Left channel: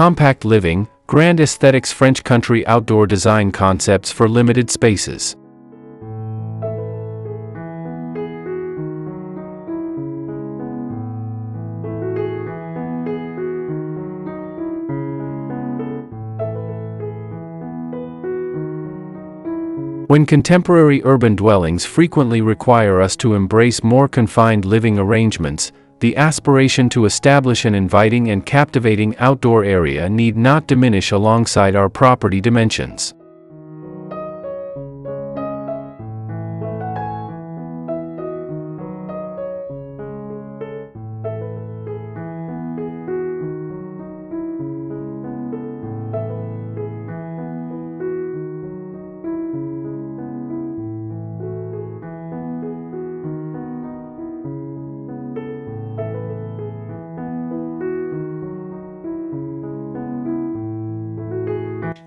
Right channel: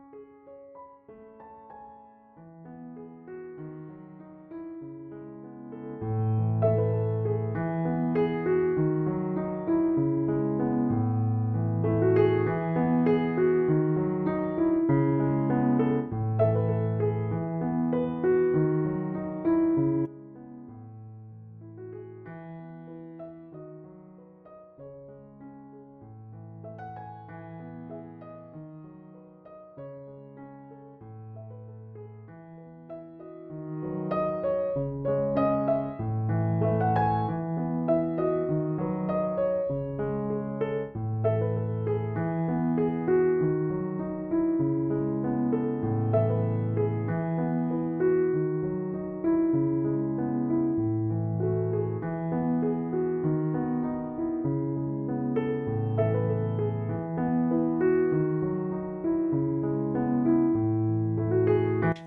Compact living, grand aesthetics, French country outdoor design concepts for limited spaces. When contemporary urban dwellings frequently require us to embrace more confined living arrangements, the aspiration to establish an inviting and captivating outdoor area need not diminish alongside our property dimensions.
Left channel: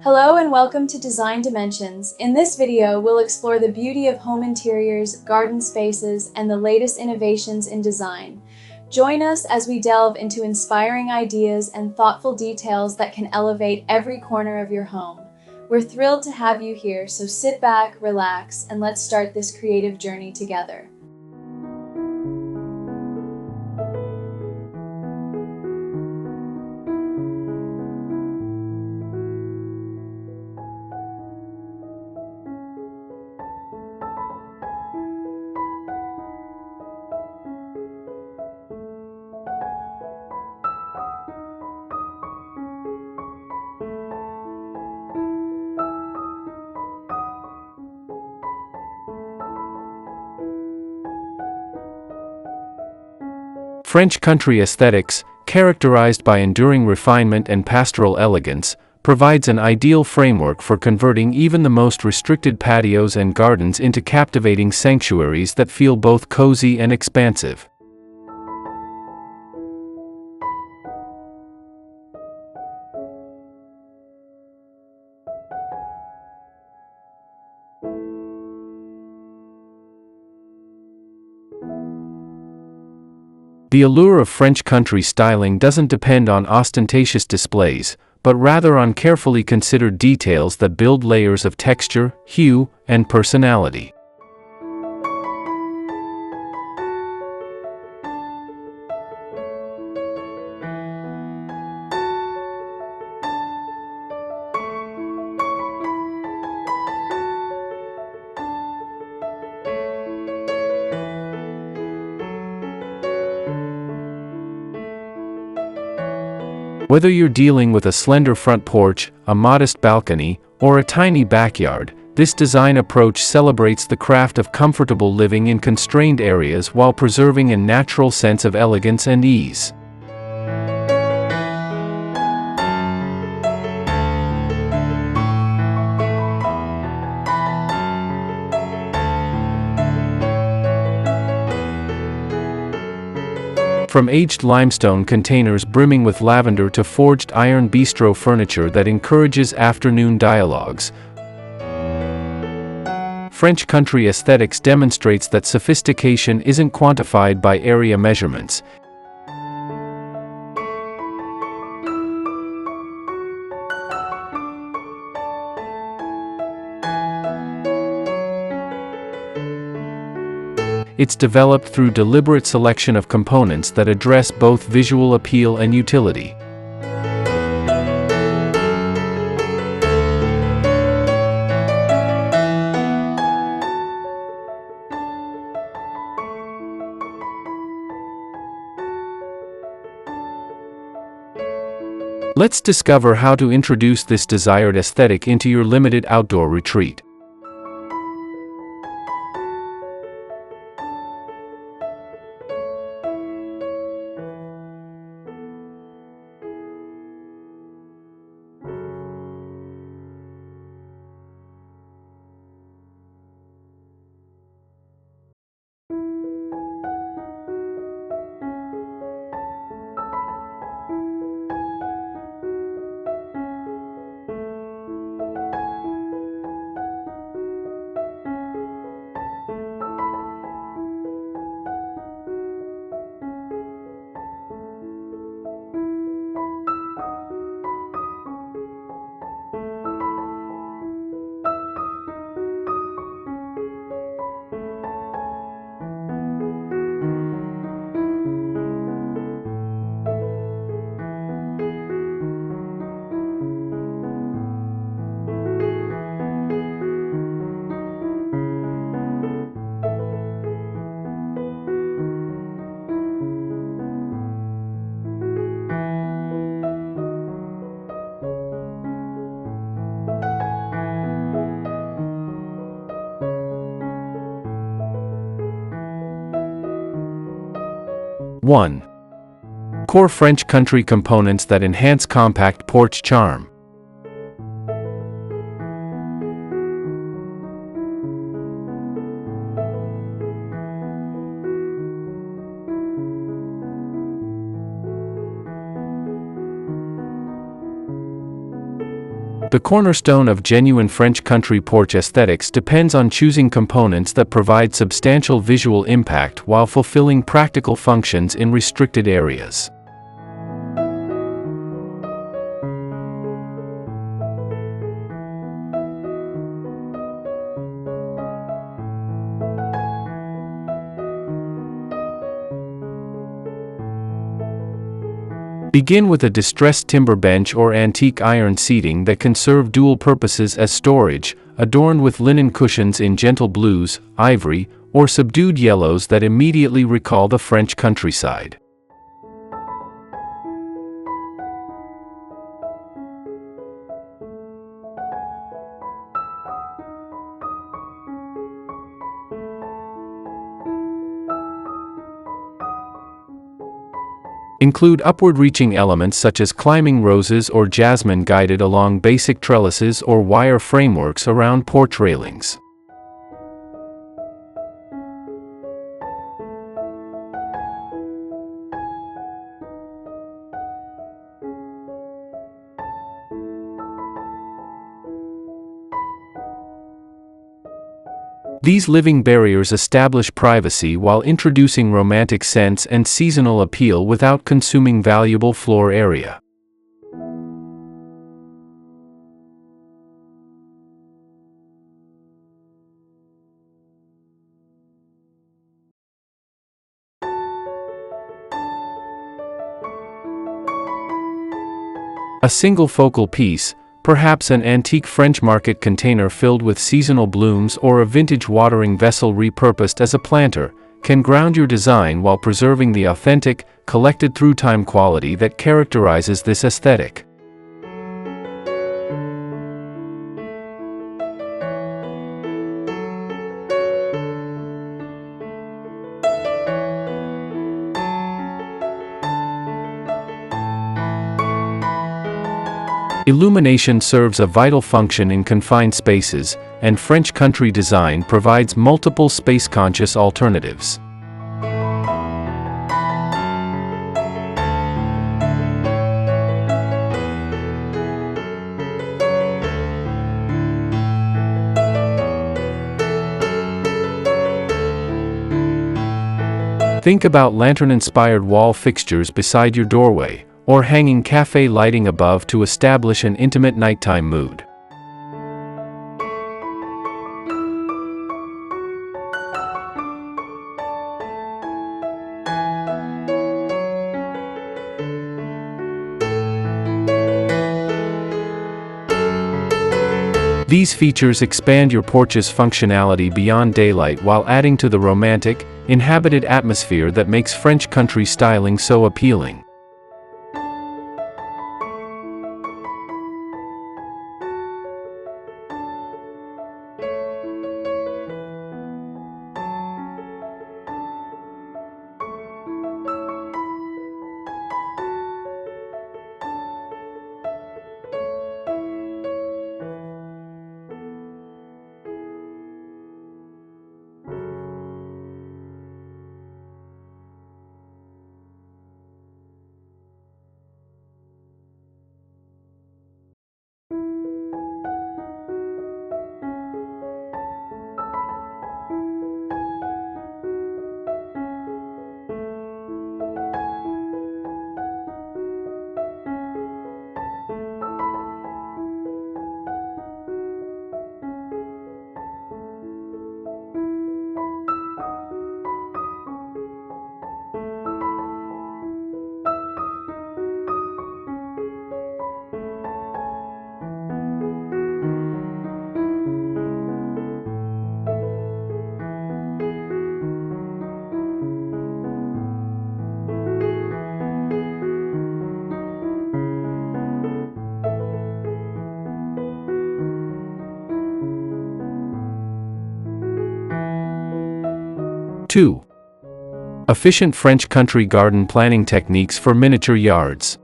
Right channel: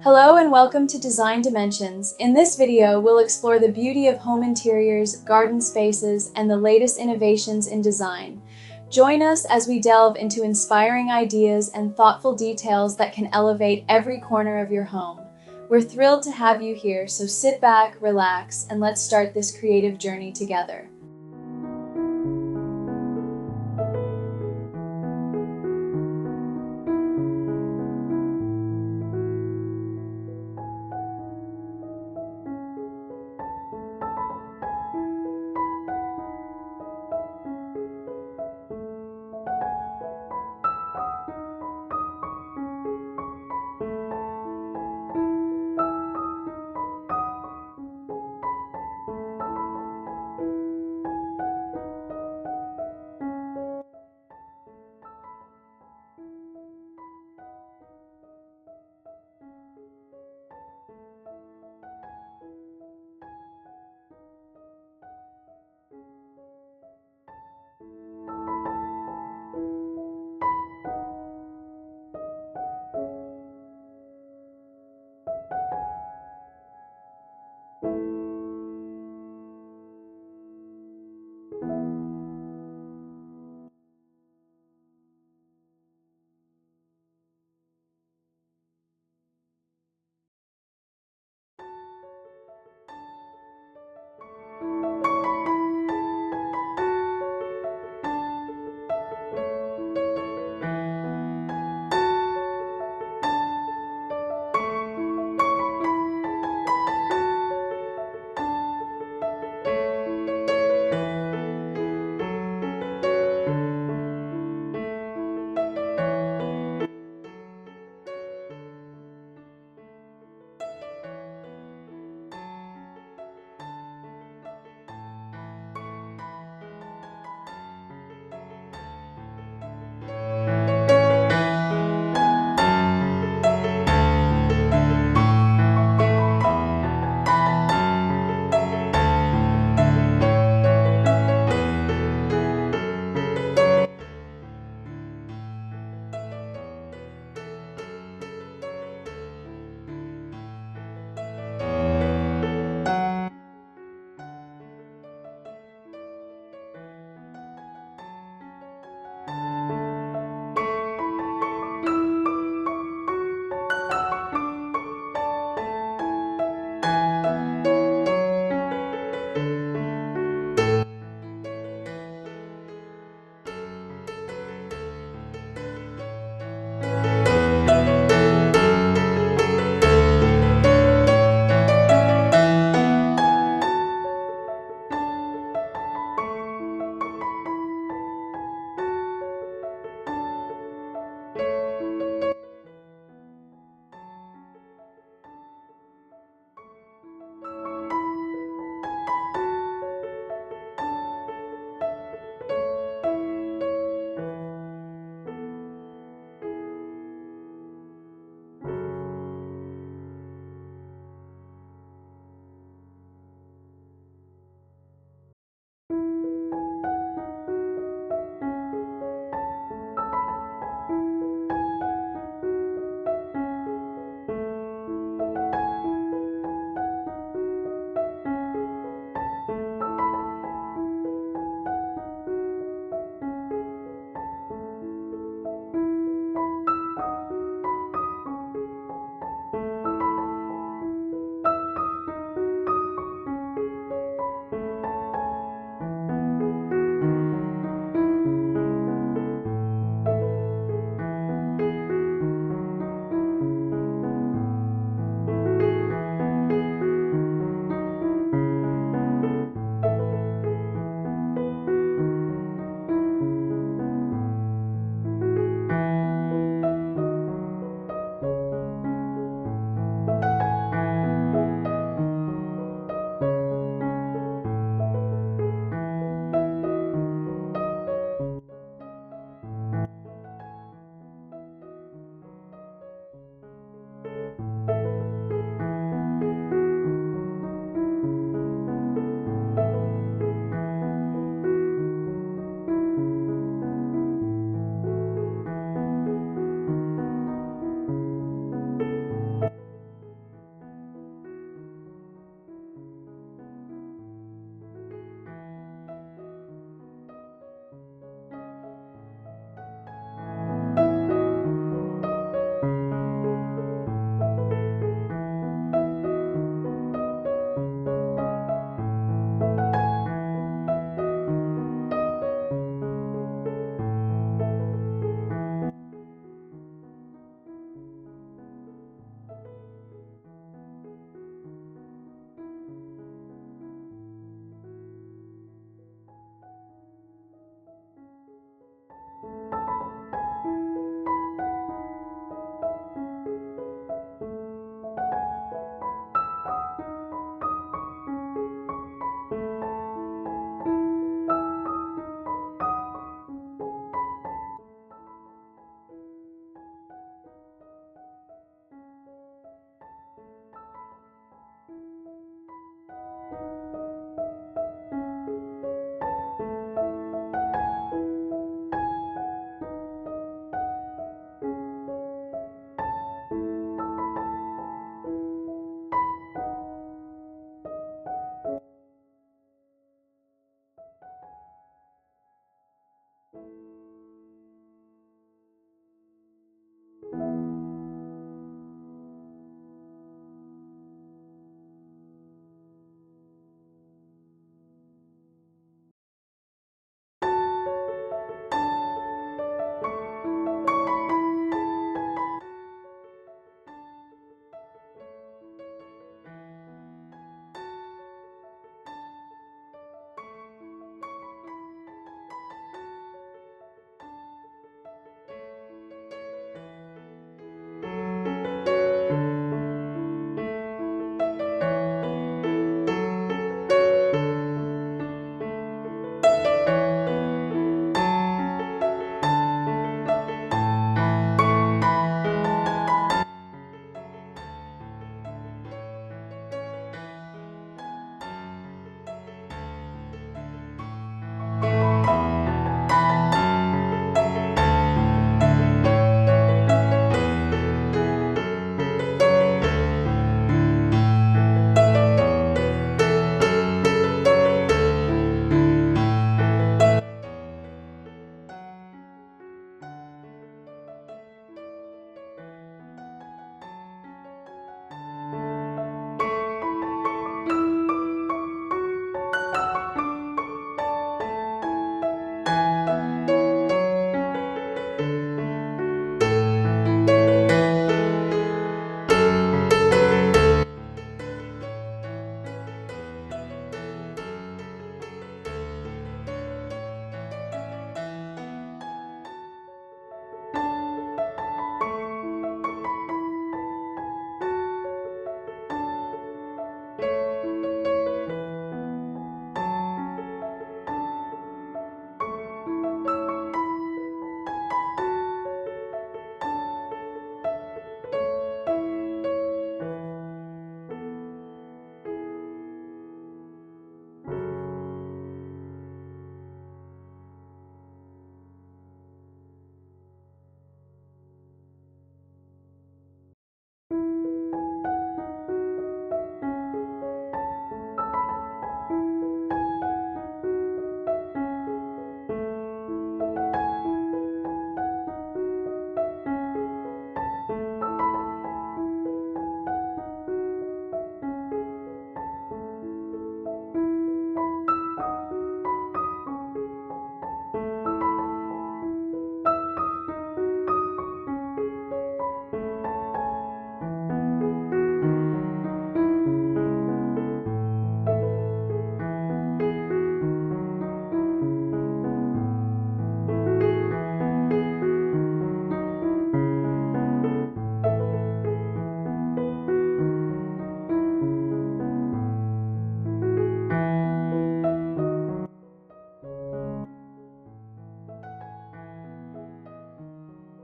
Hello and welcome to Design Dimensions. In this video, we'll explore the beauty of home interiors, garden spaces, and the latest innovations in design. Join us as we delve into inspiring ideas and thoughtful details that can elevate every corner of your home. We're thrilled to have you here, so sit back, relax, and let's start this creative journey together. French country aesthetics, characterized by enduring refinement and pastoral elegance, provides an ideal framework for converting even the most restricted patios and gardens into captivating sanctuaries that feel both cozy and expansive. The allure of French country styling doesn't depend on ostentatious displays, but rather on carefully considered details that build layers of texture, hue, and personality. Whether you're dealing with a slender front porch, a modest balcony, or a tiny backyard, this design approach celebrates the craft of comfortable living in constrained areas while preserving a natural sense of elegance and ease. From aged limestone containers brimming with lavender to forged iron bistro furniture that encourages afternoon dialogues, French country aesthetics demonstrates that sophistication isn't quantified by area measurements. It's developed through deliberate selection of components that address both visual appeal and utility. Let's discover how to introduce this desired aesthetic into your limited outdoor retreat. 1. Core French country components that enhance compact porch charm. The cornerstone of genuine French country porch aesthetics depends on choosing components that provide substantial visual impact while fulfilling practical functions in restricted areas. Begin with a distressed timber bench or antique iron seating that can serve dual purposes as storage, adorned with linen cushions in gentle blues, ivory, or subdued yellows that immediately recall the French countryside. Include upward-reaching elements such as climbing roses or jasmine guided along basic trellises or wire frameworks around porch railings. These living barriers establish privacy while introducing romantic scents and seasonal appeal without consuming valuable floor area. A single focal piece, perhaps an antique French market container filled with seasonal blooms or a vintage watering vessel repurposed as a planter, can ground your design while preserving the authentic, collected through time quality that characterizes this aesthetic. Illumination serves a vital function in confined spaces, and French country design provides multiple space-conscious alternatives. Think about lantern-inspired wall fixtures beside your doorway, or hanging cafe lighting above to establish an intimate nighttime mood. These features expand your porch's functionality beyond daylight while adding to the romantic, inhabited atmosphere that makes French country styling so appealing. Two. Efficient French country garden planning techniques for miniature yards.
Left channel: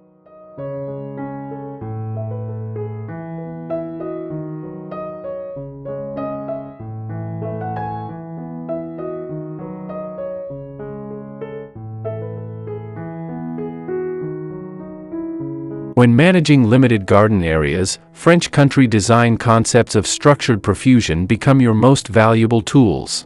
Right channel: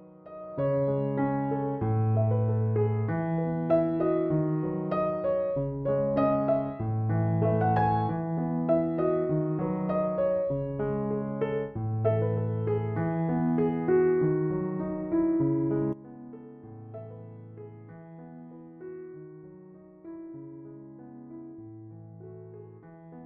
When managing limited garden areas, French country design concepts of structured profusion become your most valuable tools.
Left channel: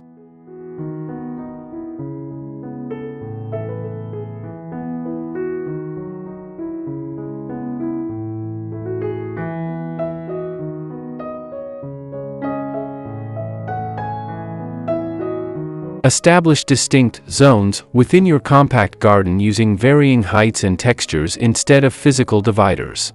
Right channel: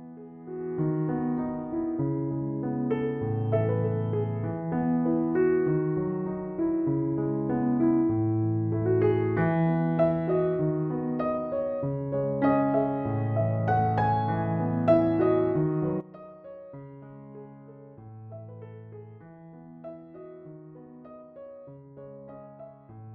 Establish distinct zones within your compact garden using varying heights and textures instead of physical dividers.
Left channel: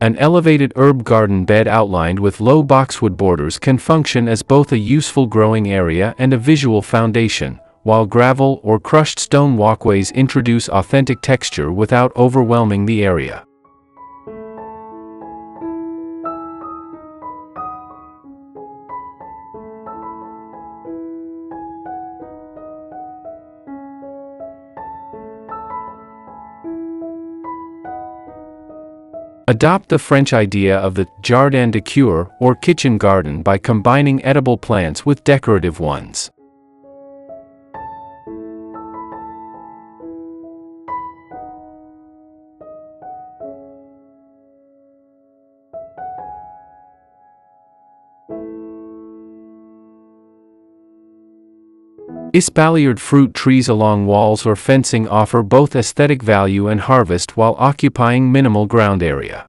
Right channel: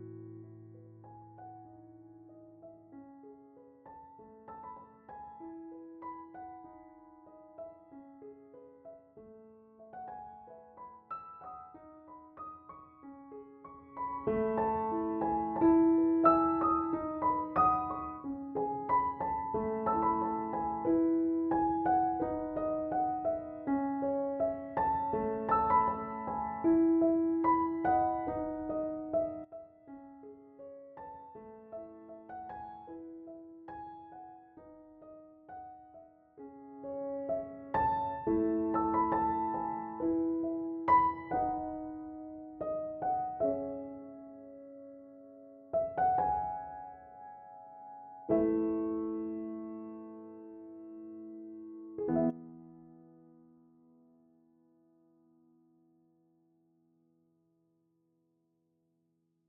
An elevated herb garden bed outlined with low boxwood borders can function as both a useful growing area and a visual foundation, while gravel or crushed stone walkways introduce authentic texture without overwhelming the area. Adopt the French idea of the jardin de cure or kitchen garden by combining edible plants with decorative ones. Espaliered fruit trees along walls or fencing offer both aesthetic value and harvest while occupying minimal ground area.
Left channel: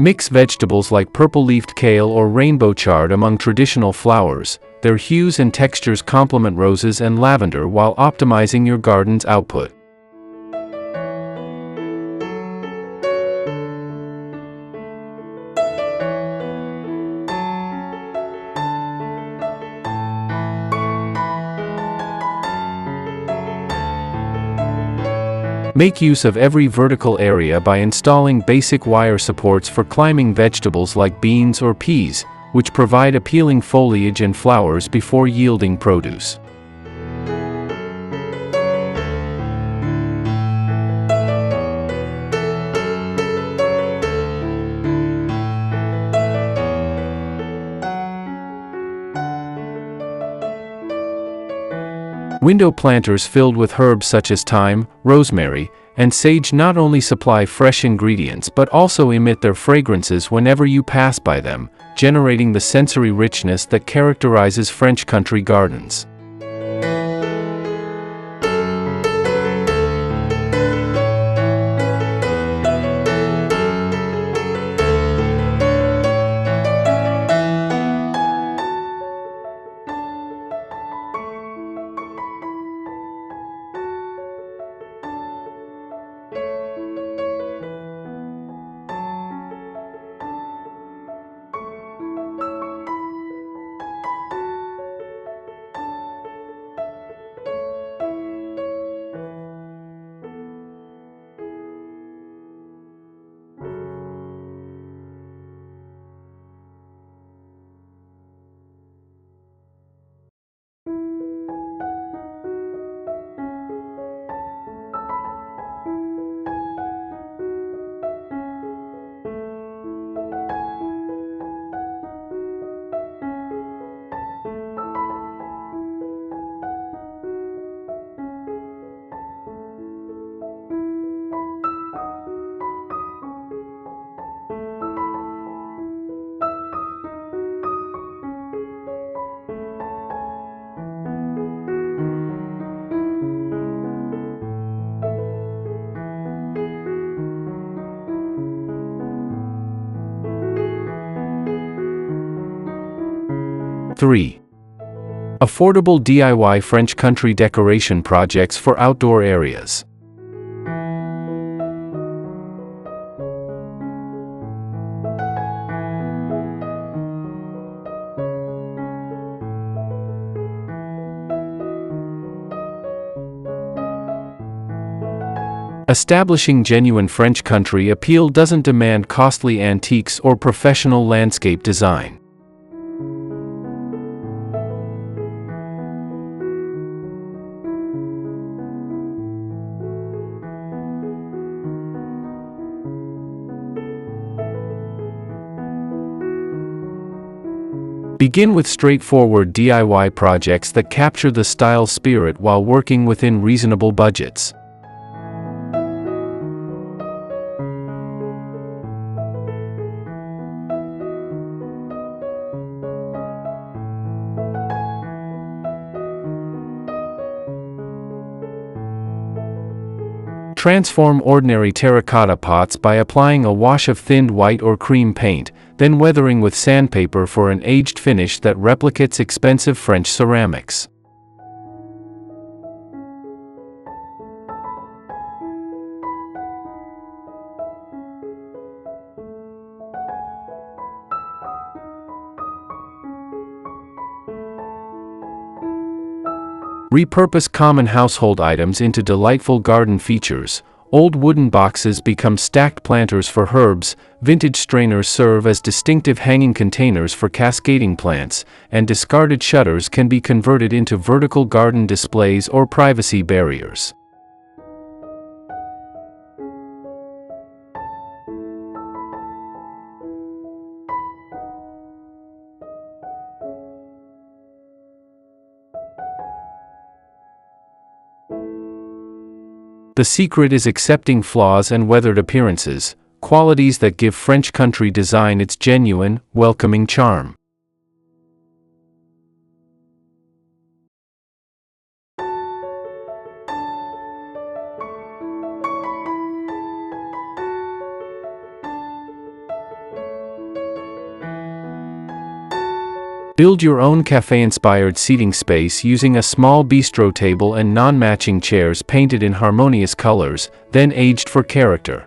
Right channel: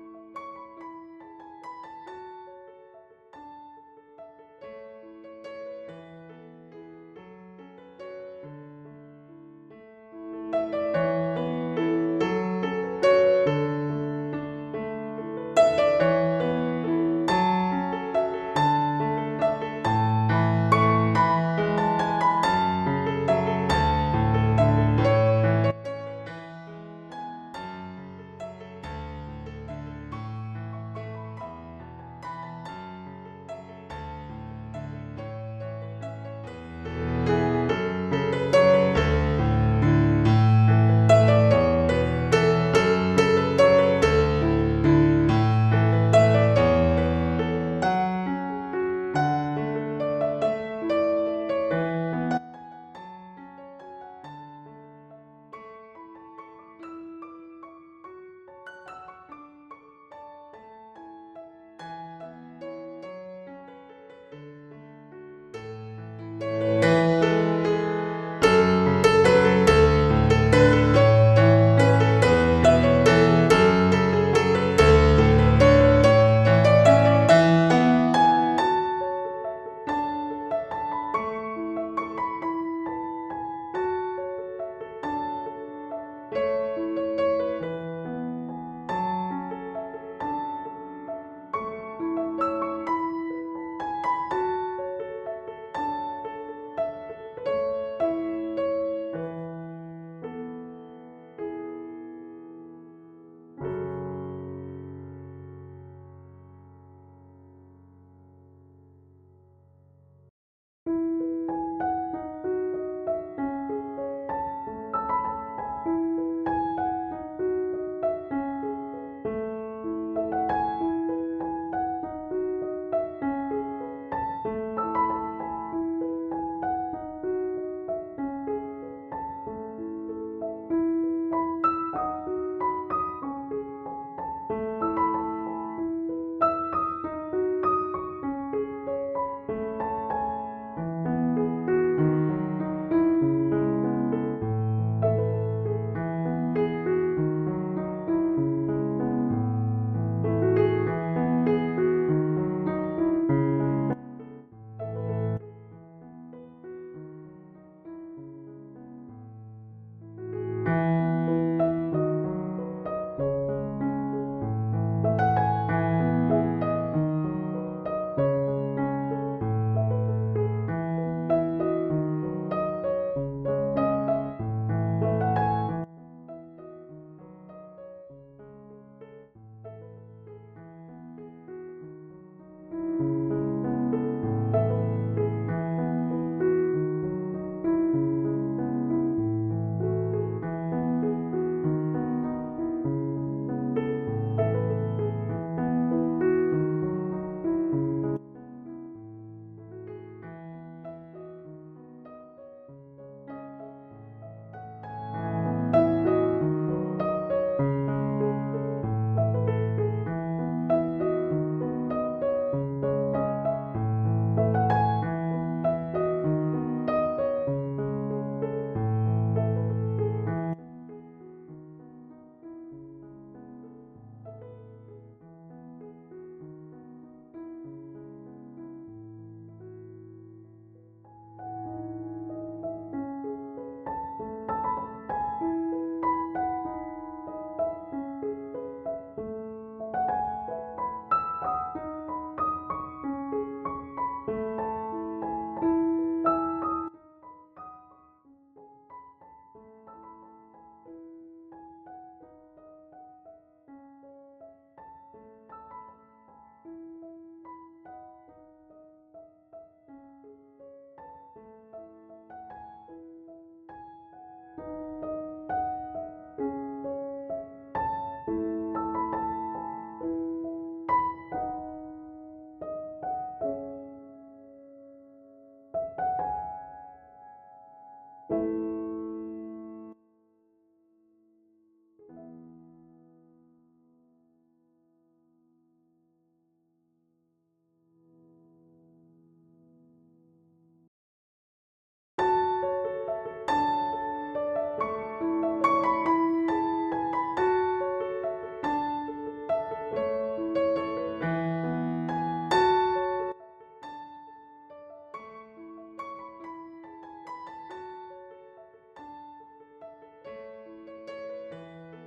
Mix vegetables like purple-leafed kale or rainbow chard among traditional flowers. Their hues and textures complement roses and lavender while optimizing your garden's output. Make use of every vertical area by installing basic wire supports for climbing vegetables like beans or peas, which provide appealing foliage and flowers before yielding produce. Window planters filled with herbs such as thyme, rosemary, and sage not only supply fresh ingredients but also emit their fragrances whenever you pass by them, generating the sensory richness that characterizes French country gardens. Affordable DIY French country decoration projects for outdoor areas. Establishing genuine French country appeal doesn't demand costly antiques or professional landscape design. Begin with straightforward DIY projects that capture the style spirit while working within reasonable budgets. Transform ordinary terracotta pots by applying a wash of thinned white or cream paint, then weathering with sandpaper for an aged finish that replicates expensive French ceramics. Repurpose common household items into delightful garden features. Old wooden boxes become stacked planters for herbs, vintage strainers serve as distinctive hanging containers for cascading plants, and discarded shutters can be converted into vertical garden displays or privacy barriers. The secret is accepting flaws and weathered appearances, qualities that give French country design its genuine, welcoming charm. Build your own cafe-inspired seating space using a small bistro table and non-matching chairs painted in harmonious colors, then aged for character.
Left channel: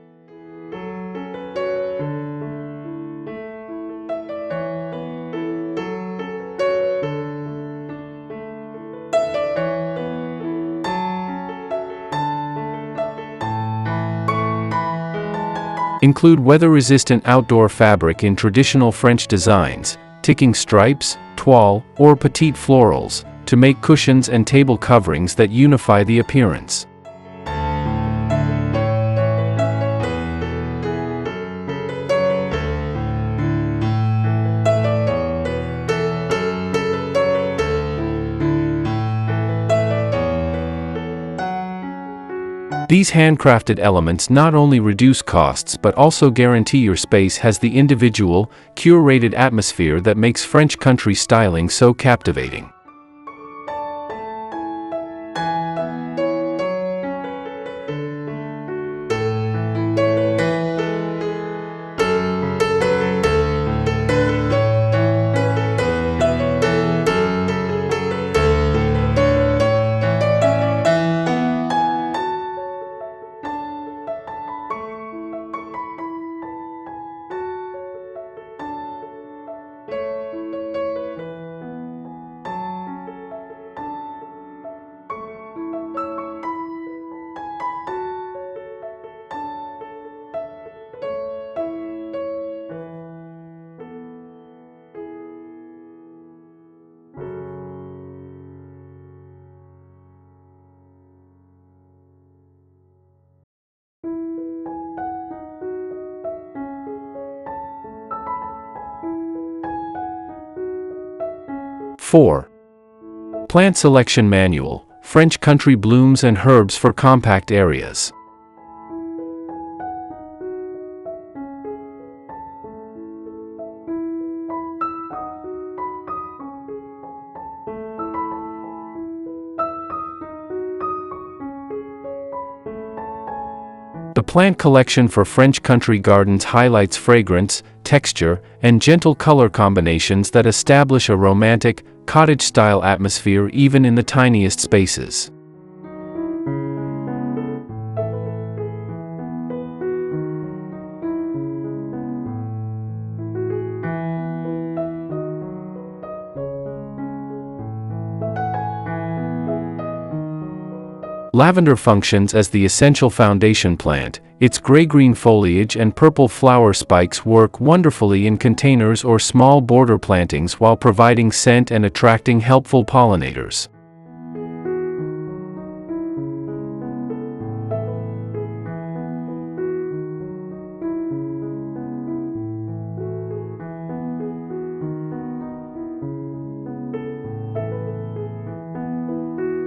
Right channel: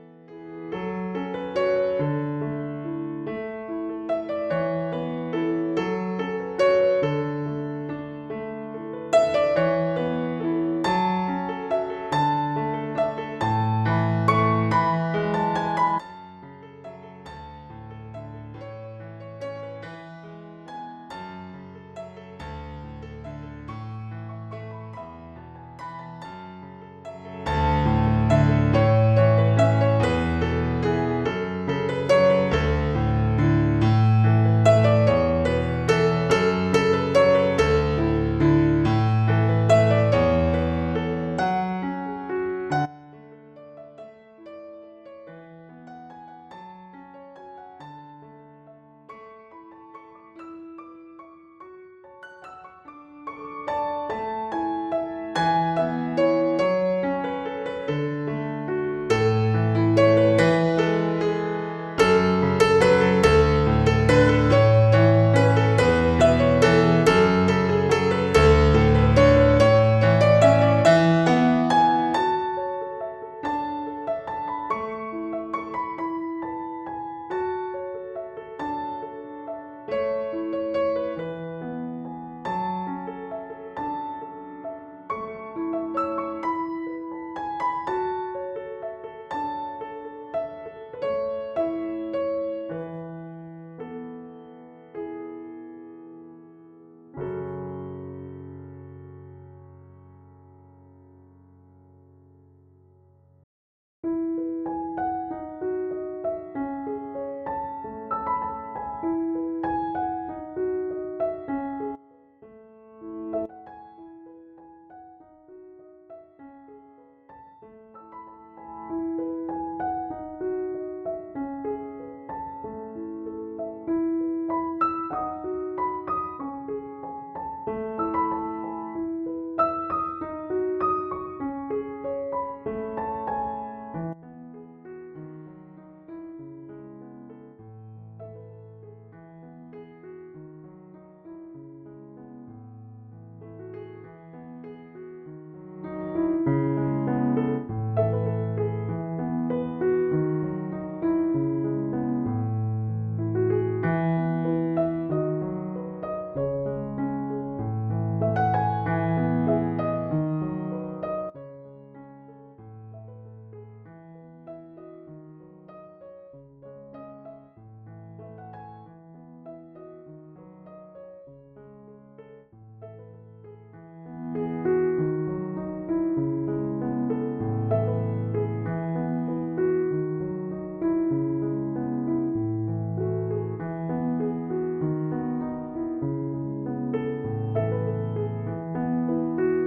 Include weather-resistant outdoor fabric in traditional French designs, ticking stripes, toile, or petite florals, to make cushions and table coverings that unify the appearance. These handcrafted elements not only reduce costs but also guarantee your space has the individual, curated atmosphere that makes French country styling so captivating. (4) Plant Selection Manual, French Country Blooms and Herbs for Compact Areas. The plant collection for French country gardens highlights fragrance, texture, and gentle color combinations that establish a romantic, cottage-style atmosphere even in the tiniest spaces. Lavender functions as the essential foundation plant. Its gray-green foliage and purple flower spikes work wonderfully in containers or small border plantings while providing scent and attracting helpful pollinators.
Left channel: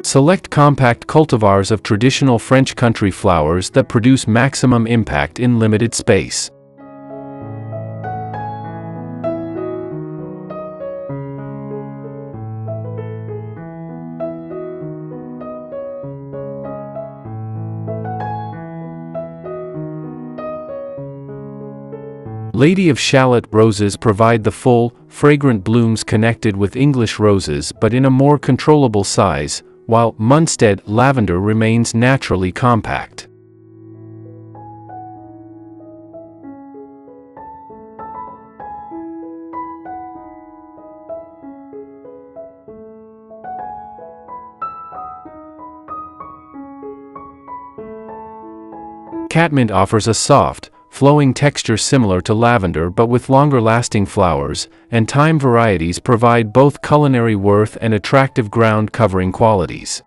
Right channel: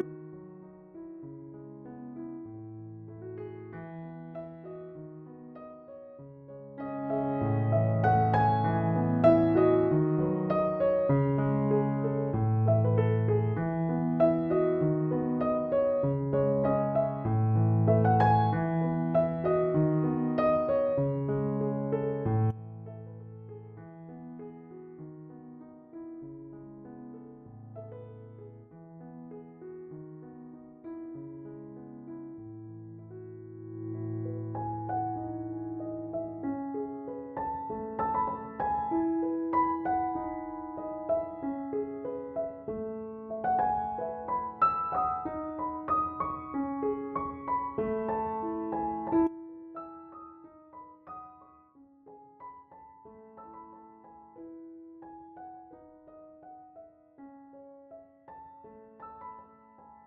Select compact cultivars of traditional French country flowers that produce maximum impact in limited space. Lady of Shallot roses provide the full, fragrant blooms connected with English roses but in a more controllable size, while Munstead lavender remains naturally compact. Catmint offers a soft, flowing texture similar to lavender but with longer-lasting flowers, and thyme varieties provide both culinary worth and attractive ground-covering qualities.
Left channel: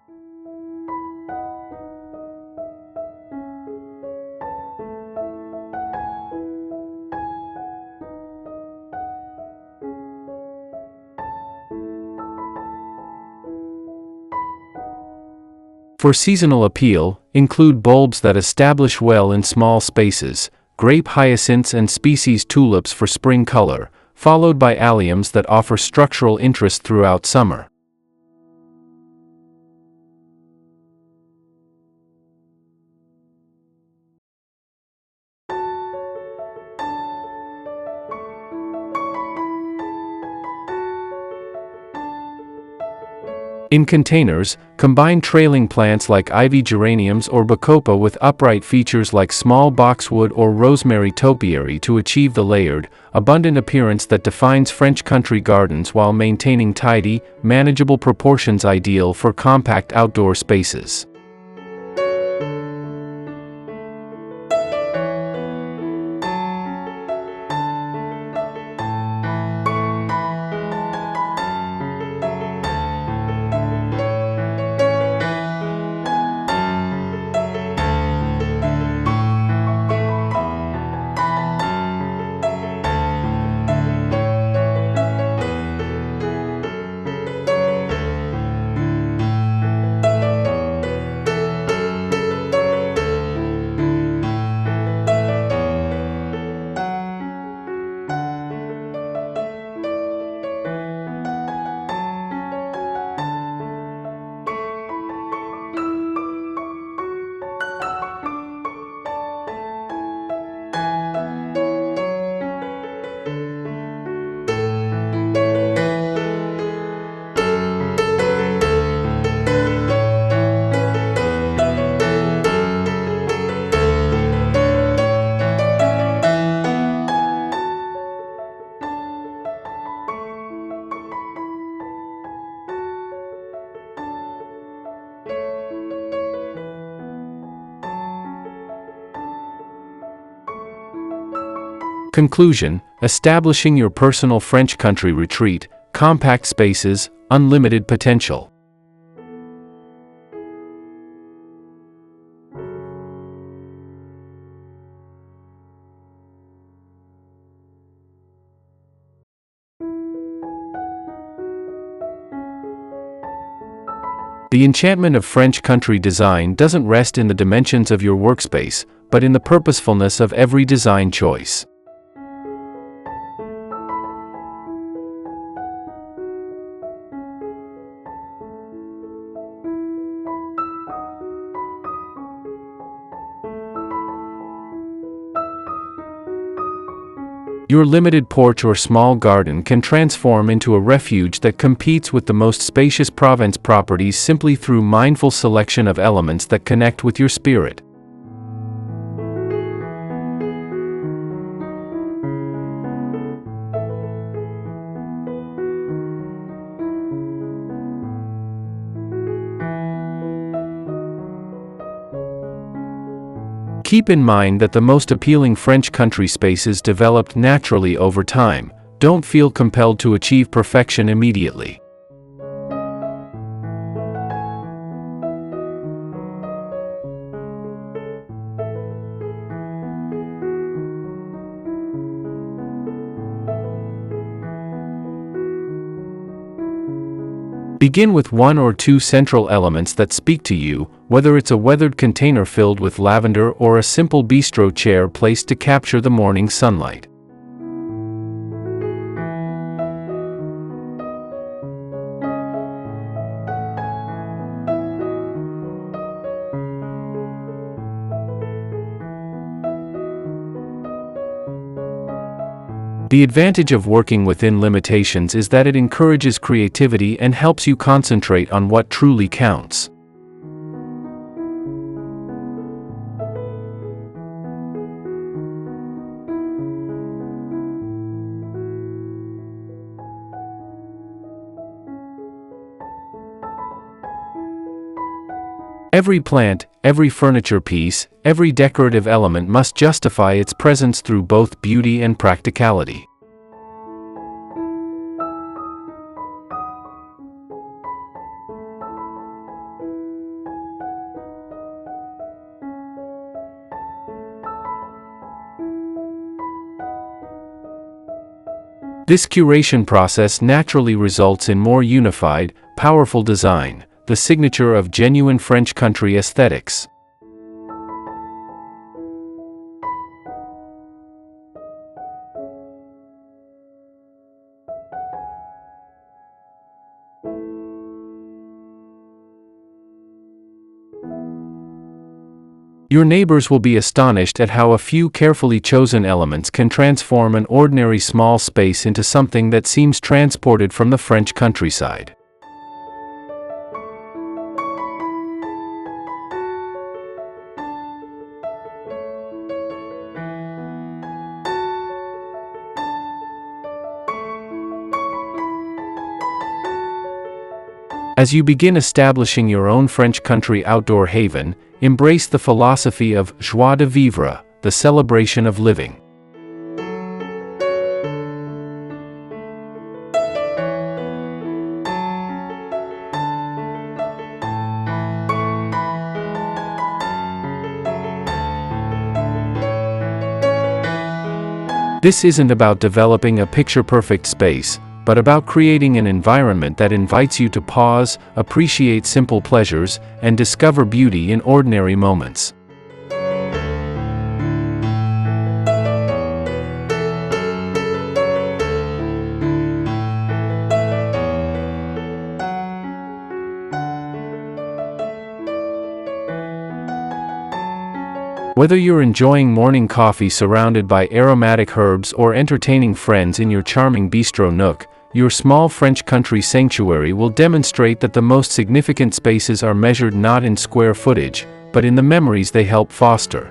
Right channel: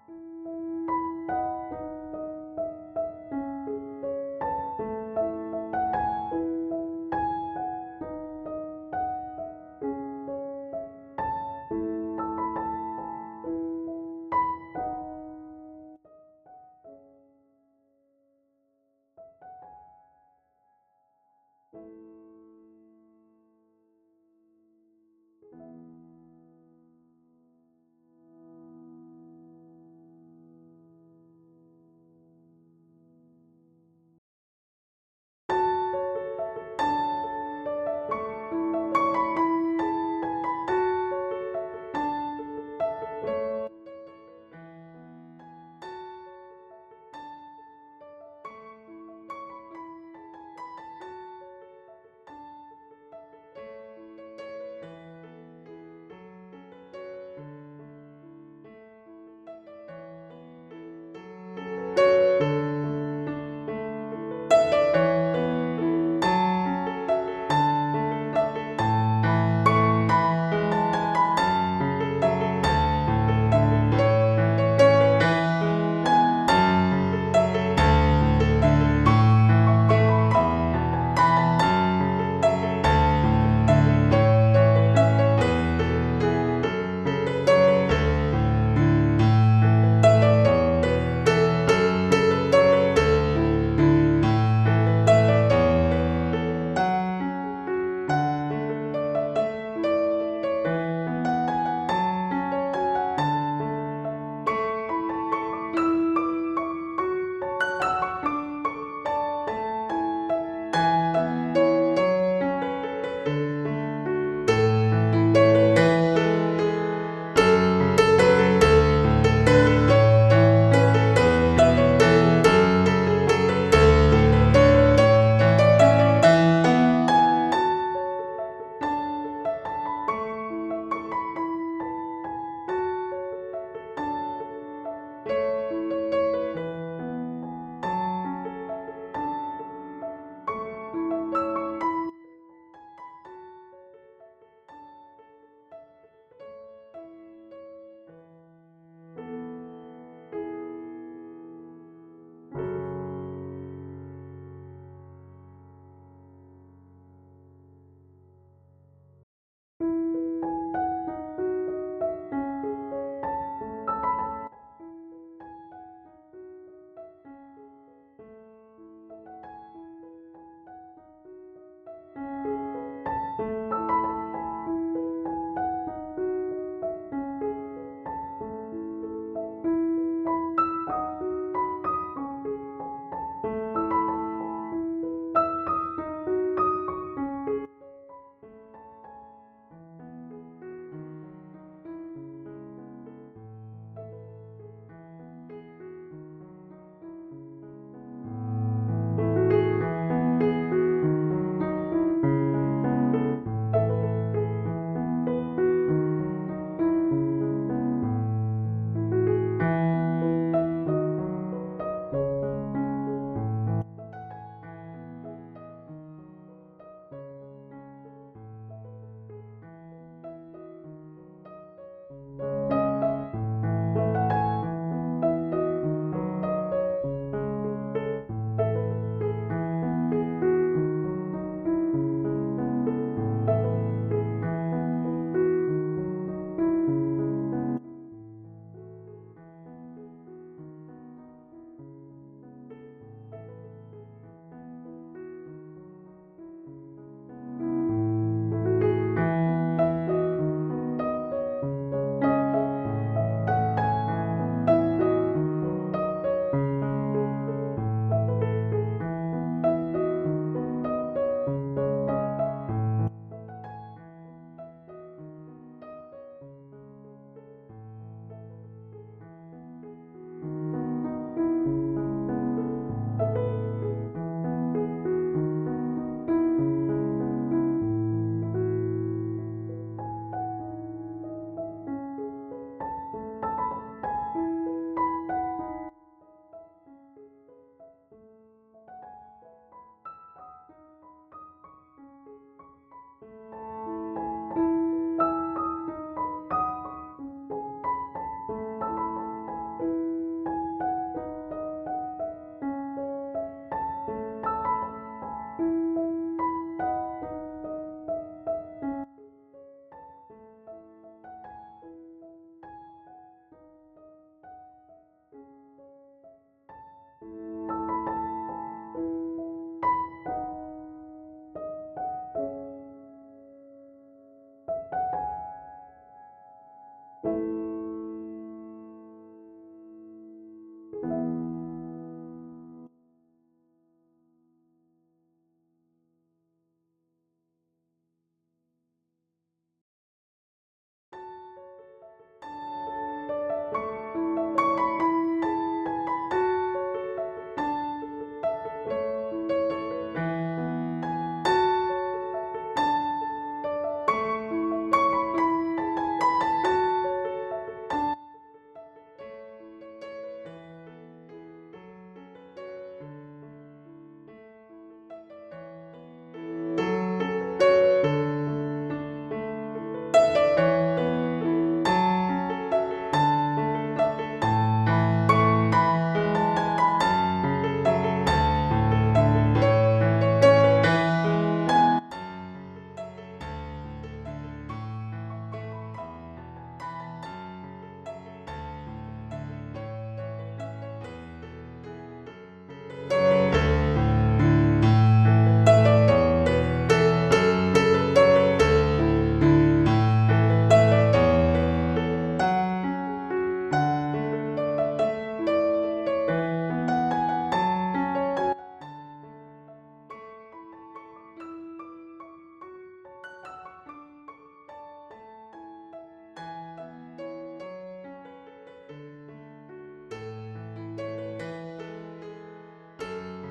For seasonal appeal, include bulbs that establish well in small spaces, grape hyacinths and species tulips for spring color, followed by alliums that offer structural interest throughout summer. In containers, combine trailing plants like ivy geraniums or bacopa with upright features like small boxwood or rosemary topiary to achieve the layered, abundant appearance that defines French country gardens while maintaining tidy, manageable proportions ideal for compact outdoor spaces. Conclusion: establishing your personal French country retreat, compact spaces, unlimited potential. The enchantment of French country design doesn't rest in the dimensions of your workspace, but in the purposefulness of every design choice. Your limited porch or small garden can transform into a refuge that competes with the most spacious Provence properties simply through mindful selection of elements that connect with your spirit. Keep in mind that the most appealing French country spaces developed naturally over time. Don't feel compelled to achieve perfection immediately. Begin with one or two central elements that speak to you, whether it's a weathered container filled with lavender or a simple bistro chair placed to capture the morning sunlight. The advantage of working within limitations is that it encourages creativity and helps you concentrate on what truly counts. Every plant, every furniture piece, every decorative element must justify its presence through both beauty and practicality. This curation process naturally results in more unified, powerful design, the signature of genuine French country aesthetics. Your neighbors will be astonished at how a few carefully chosen elements can transform an ordinary small space into something that seems transported from the French countryside. As you begin establishing your own French country outdoor haven, embrace the philosophy of joie de vivre, the celebration of living. This isn't about developing a picture-perfect space, but about creating an environment that invites you to pause, appreciate simple pleasures, and discover beauty in ordinary moments. Whether you're enjoying morning coffee surrounded by aromatic herbs or entertaining friends in your charming bistro nook, your small French country sanctuary will demonstrate that the most significant spaces are measured not in square footage, but in the memories they help foster.